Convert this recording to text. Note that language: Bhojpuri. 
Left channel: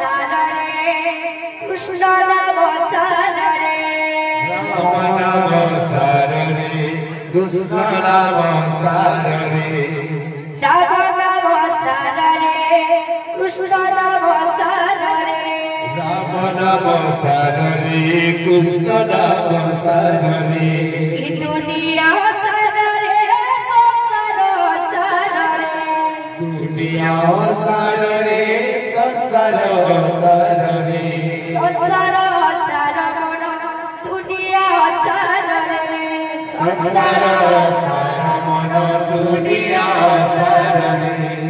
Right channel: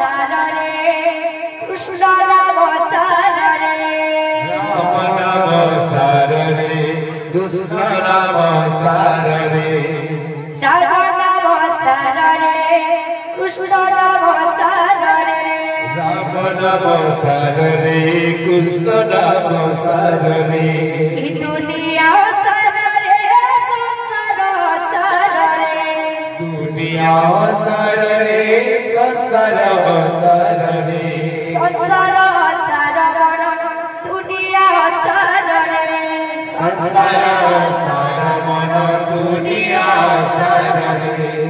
सारे कृष्ण नाम सारे राम नाम सारे कृष्ण नाम सारे राम नाम सारे कृष्ण नाम सारे राम नाम सारे कृष्ण नाम सारे दुनिया सारे संसार सारे दुनिया सारे संसार सारे संसार सारवन दुनिया सारे संसार सारवन दुनिया सारे